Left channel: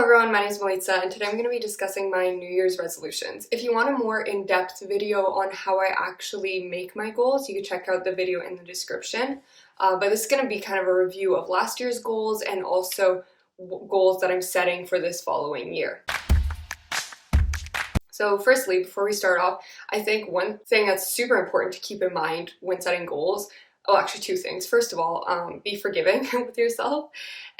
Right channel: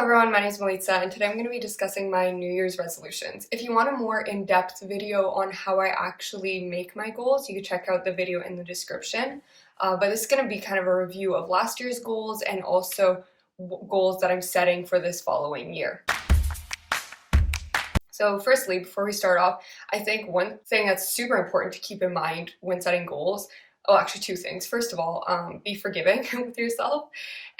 everyone, my name is Melitza, and today I'm going to be discussing my New Year's resolutions. If you want a more in-depth video on how I actually make my goals, you can check out the video in the description. But this is going to be kind of a review of last year's goals and also goals that I'm setting for this following year. So firstly, before we start off, I think one thing that's super important to keep in mind when setting goals, actually two things. First of all, be forgiving with yourself.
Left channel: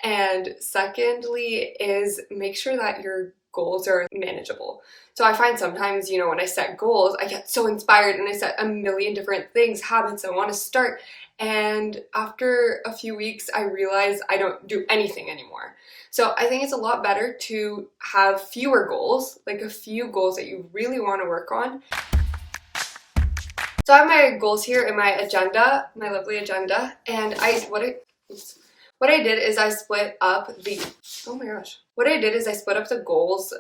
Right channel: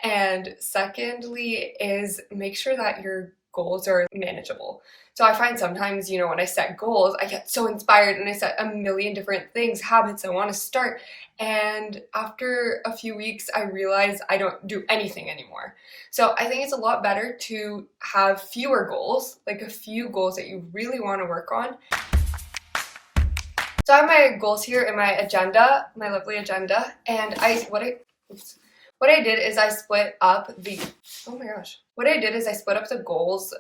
And secondly is make sure that your goals are manageable. So I find sometimes, when I set goals, I get so inspired and I set a million different things, habits I want to start. And after a few weeks, I realize I don't do anything anymore. So I think it's a lot better to have fewer goals, like a few goals that you really want to work on. So I have my goals here in my agenda, my lovely agenda, and what I did is I split up the goals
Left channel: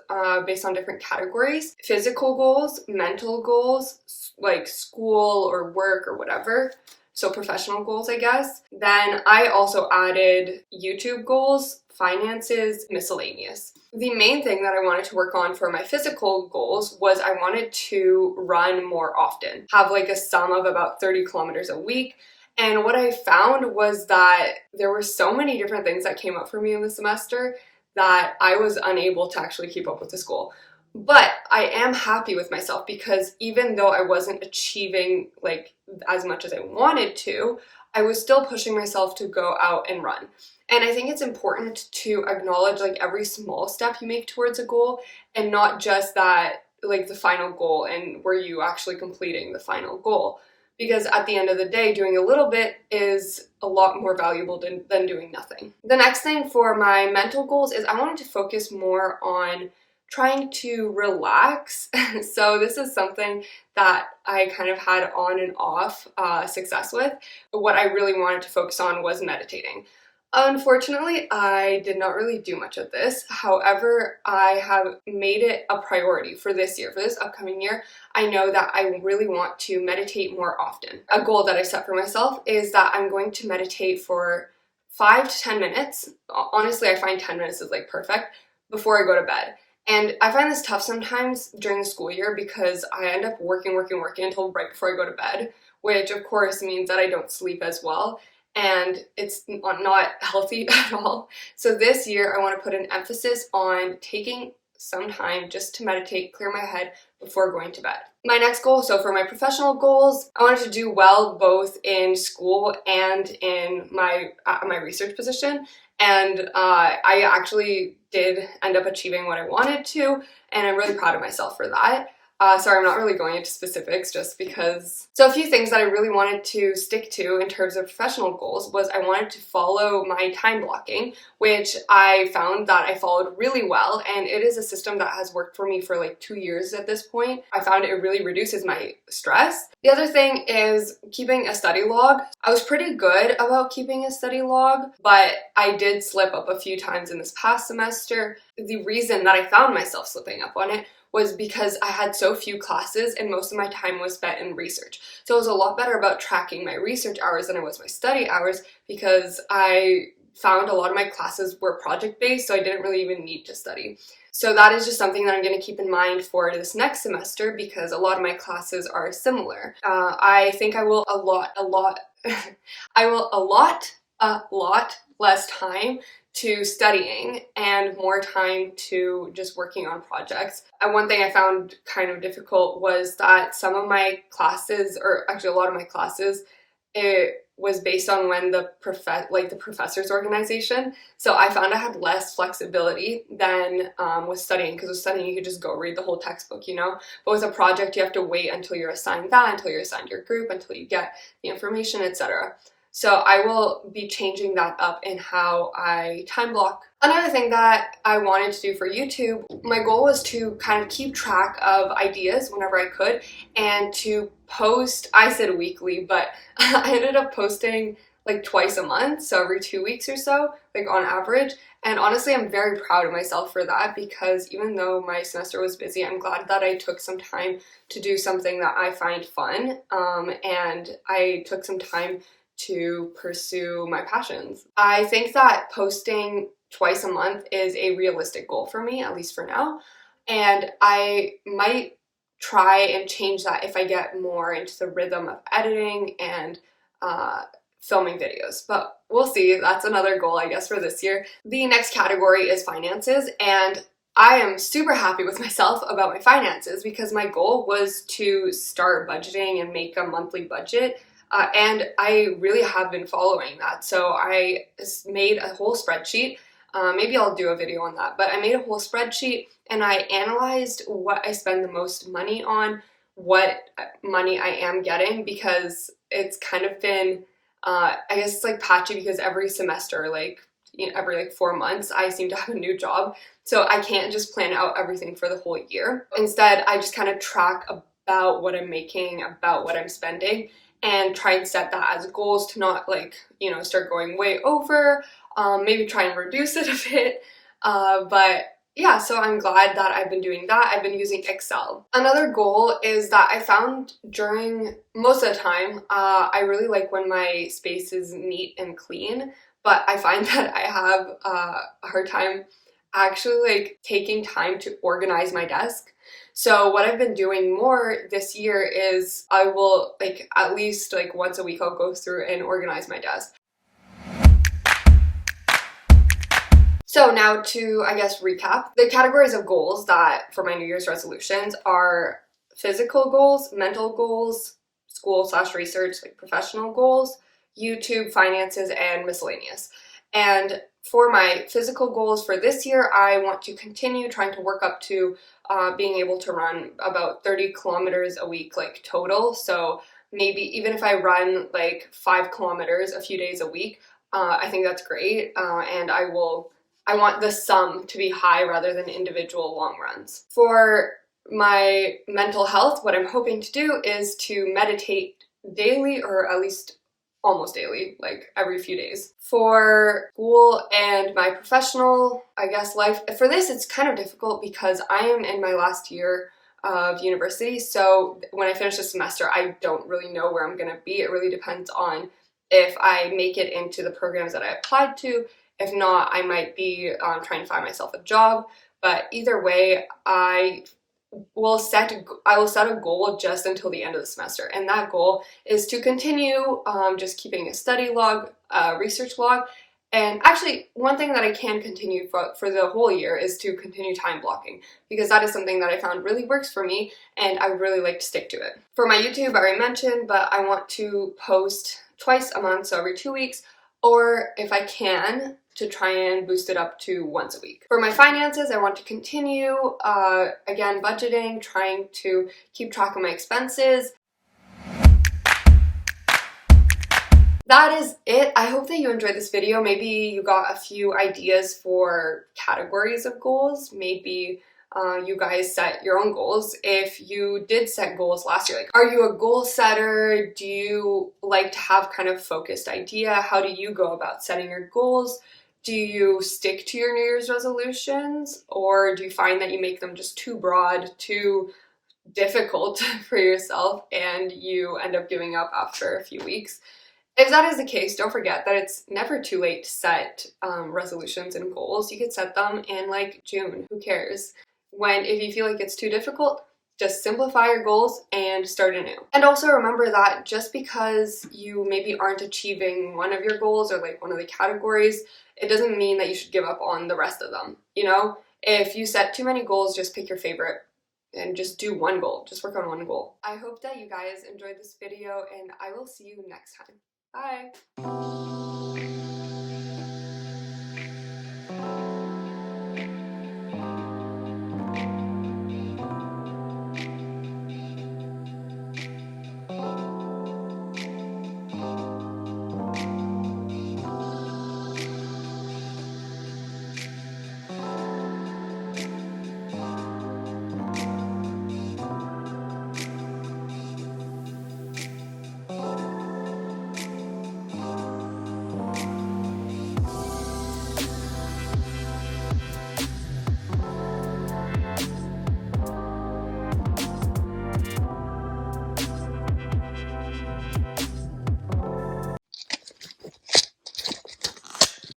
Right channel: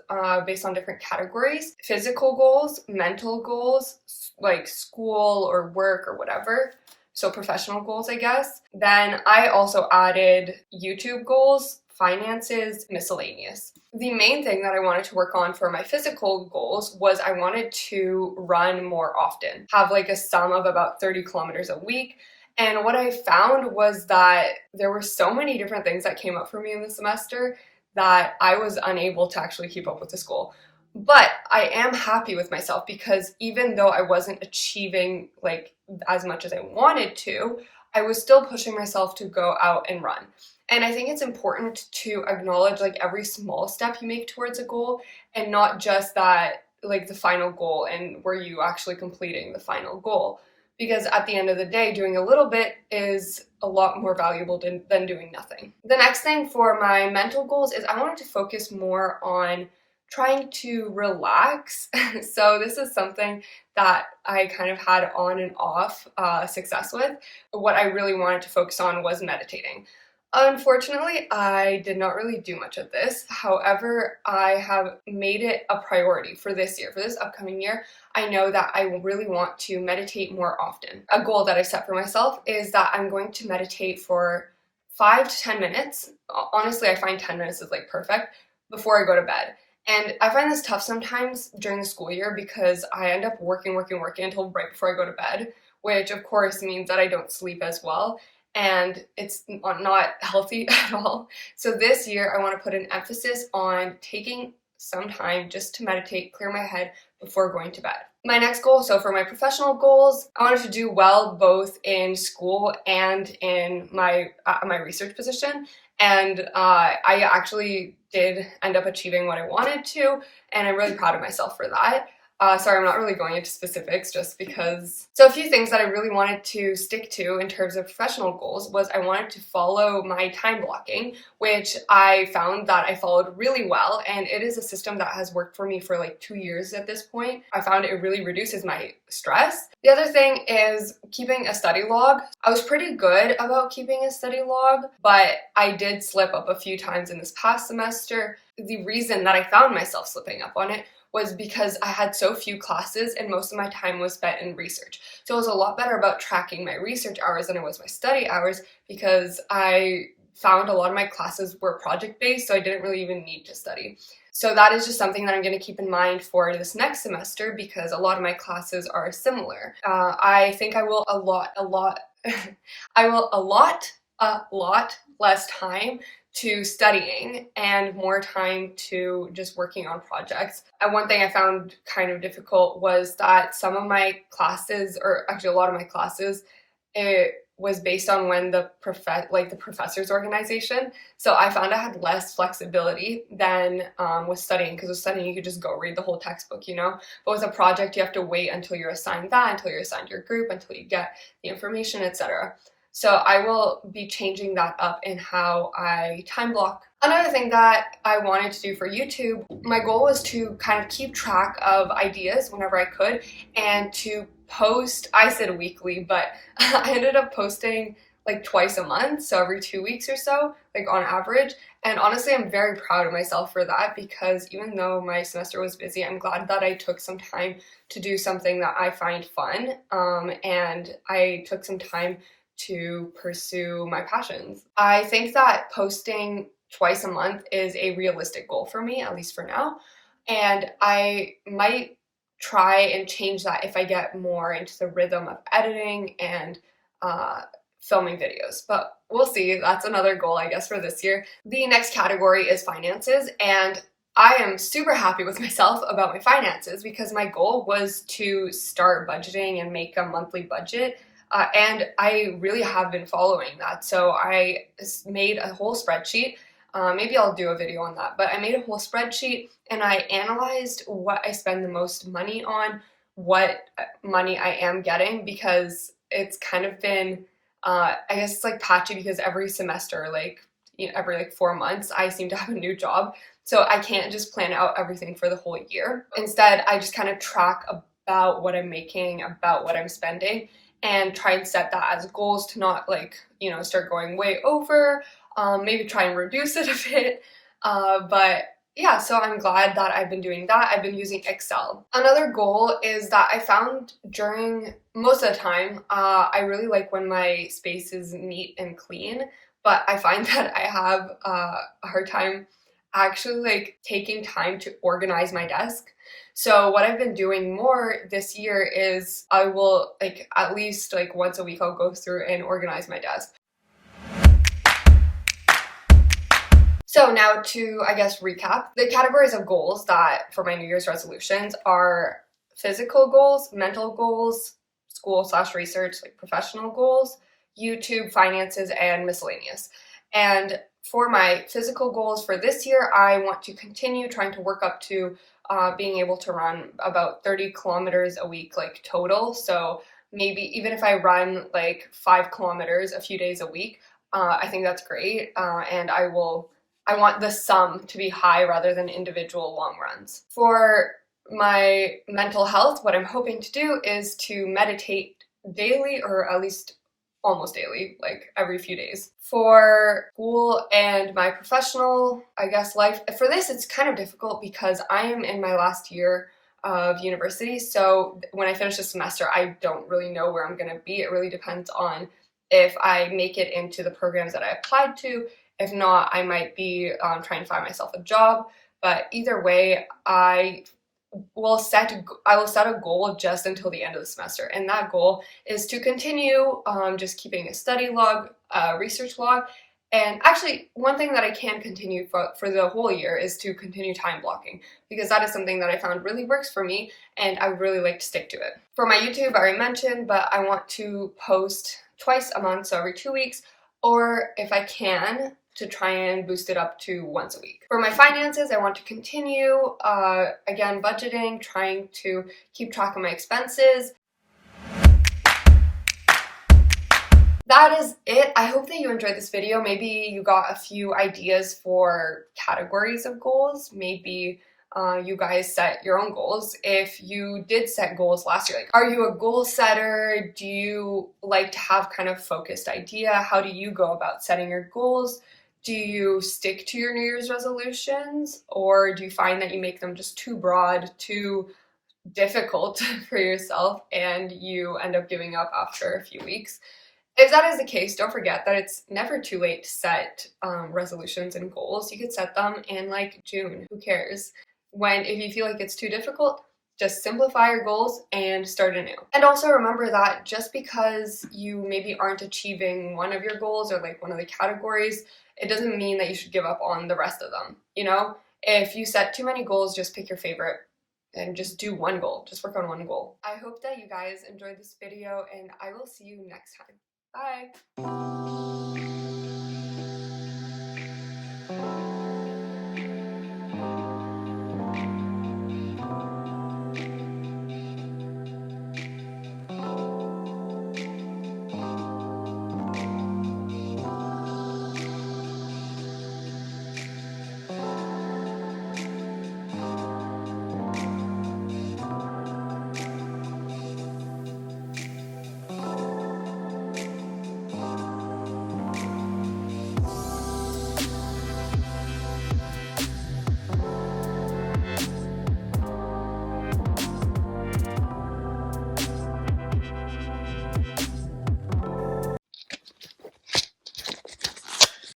based on different categories: physical goals, mental goals, like school or work or whatever. So professional goals, I guess. Then I also added YouTube goals, finances, miscellaneous. The main thing that I wanted to work on for my physical goals was I wanted to run more often, have like a sum of about 30 kilometers a week. And what I found was that there were so many different things that came up for me in the semester that I was unable to actually keep up with this goal. But I am happy with myself because even though I wasn't achieving like as much as I wanted to, I was still pushing myself to go out and run. And I think it's important to acknowledge like every small step you make towards a goal and not just that like the final goal and were you actually completing the final goal. Because at the end of the day, doing a little bit is a lot more valuable than doing nothing. The next thing for my mental goals is I wanted to focus more on trying to relax. So this is something that I kind of had on and off success with. What I really wanted to focus on was meditating. Unfortunately, I did not really do much of this. However, I have made it a priority for this year, for this upcoming year. I know that I really want to meditate more often. A goal that I set for myself is that I'm going to meditate for 5 to 10 minutes. Honestly, I find 10 minutes is like perfect before I go to bed. And I find this tough sometimes during the school year because I end up working until right before I go to bed, which of course means that I don't sleep as well. And it's not healthy at all. So this year I want to put an emphasis on taking some time just to meditate, clear my head before going to bed. My next goal, so for my professional goals, I wanted to do well both in school and in my research position. And I actually did end up achieving what I wanted to, and I'm really proud of myself for that. Sorry, I'm not really going into specifics just because. So a few things that I really wanted to stick to in terms of professional goals was I wanted to follow my time blocking, which I found that I followed really well, and it is a system that has worked for me for like 2 years at this point. I found it really reduces my stress. The other thing is keeping a study log. I was pretty good about keeping a study log, but I did slip up a few times in this past semester. The reason that I found myself slipping up on it was because I had so few classes and most of my time was spent in research. So it was a lot better about tracking my research hours than it was my study hours because I found a lot of my classes were project-based, so I didn't really even need to study. So that is just something that I'm going to keep in mind for this next semester because a lot of my classes are similar. I think I will allot a lot less time to studying and more time to just working on projects. And one thing I found kind of difficult was that some of my classes, or actually a lot of my classes, it was based on when the professor's organization. So I found I had less flexibility than with studying, because with studying you could just go read the whole textbook, But with a project you have to wait until you're assigned that, until you're assigned your group, until you get the information, etc. So I will be changing that up in how I time block. Another thing that I wanted to do for YouTube, my goal was to kind of keep track of ideas whenever I could and to post, I said weekly, but I ended up posting like twice a month, so every 2 weeks or so, like on average. And honestly, I'm very proud of myself for that because even though my semester was busy, I'm glad that I took some time to do something that I find fun, and I took some time to pursue my passions. I think that posting twice a month is a realistic goal for me, at least for now, and I might try and change that if I get more into the rhythm of editing and filming videos, but we'll see. That's another goal, I guess, for this year. The next category is finances, and I am super happy with myself about my finances because my goal was to start budgeting and make a monthly budget. And I really have been following that. So I made a whole spreadsheet. Maybe I'll do a video on that, but I made a whole spreadsheet and I analyzed what I spend the most money on, what money I am getting, because it's kind of been, I guess it's like patchy because every semester, like, every like 4 months, I seem to have a new job. So I can't just plan out everything for the whole year. Instead, I just kind of track about what I'm making, about what I'm spending, and try and set that as goals to not like, start going way over, maybe try and reduce it a bit. But yeah, so I'm glad that I've been doing that. I've been using Excel. Another goal is that I found during most of the time, I really like when my space is neat and clean, but I find that I have a hard time actually like taking time to organize my desk. So what I've been doing more this year is I will like at least like once a week I'll go through and organize my desk. So now to, I guess, recap, the categories of goals that for my New Year's resolutions are physical goals, mental goals, school/research, like professional goals, YouTube, finances, and miscellaneous. And for my physical goals for this year, I want to continue trying to work up to being able to run about 30 kilometers a week, like total. So maybe even if I run like 5 kilometers a few days a week, I think that's great. And I want the sum to be high rather than individual long runs. For my mental health, what I'm hoping to do is to meditate daily, or at least almost daily, like every few days. For school and my professional, I guess, life, for this it's kind of difficult because I am in my last year of university, so when I finish the semester I don't really know where I'm gonna be. It really depends on if I make it into the programs that I applied to. If not, I might be trying to find myself a job, but either way, I will set a goal just until the end of the semester, and that goal is to continue just keeping a study log, a research log, and actually one thing that I can continue for the whole year is to continue time blocking, because that is something that I found really works for me and I would really like to stick to it. For my YouTube, I already mentioned, but I want to post twice a month, so every 2 weeks, or if I can, to try and boost it up to once a week. For my finances, I want to continue, again, budgeting, trying to keep track of my expenses. That is it. I hope that you enjoyed this video. Maybe you got a few ideas for categories of goals. Maybe you guys set your own goals. If you did set goals last year, like, are you a goal setter? Do you like to have kind of focused idea? How do you go about setting your goals? Do you stick to your New Year's resolutions, or do you find that you make them just too broad, too difficult for yourself, and you end up giving up after a few weeks? If that is the case, don't forget that it's never too late to set resolutions and goals. You could set them in like June, who cares? If you feel like it's too difficult, just simplify your goals and start anew. And also remember that just because you maybe aren't achieving one of your goals or like one of the categories, it doesn't mean that you should give up on the rest of them. If you set too many goals, just pick your favorite and just do one goal. Just work on one goal. I hope that you guys enjoyed this video, and I will see you next time. Bye!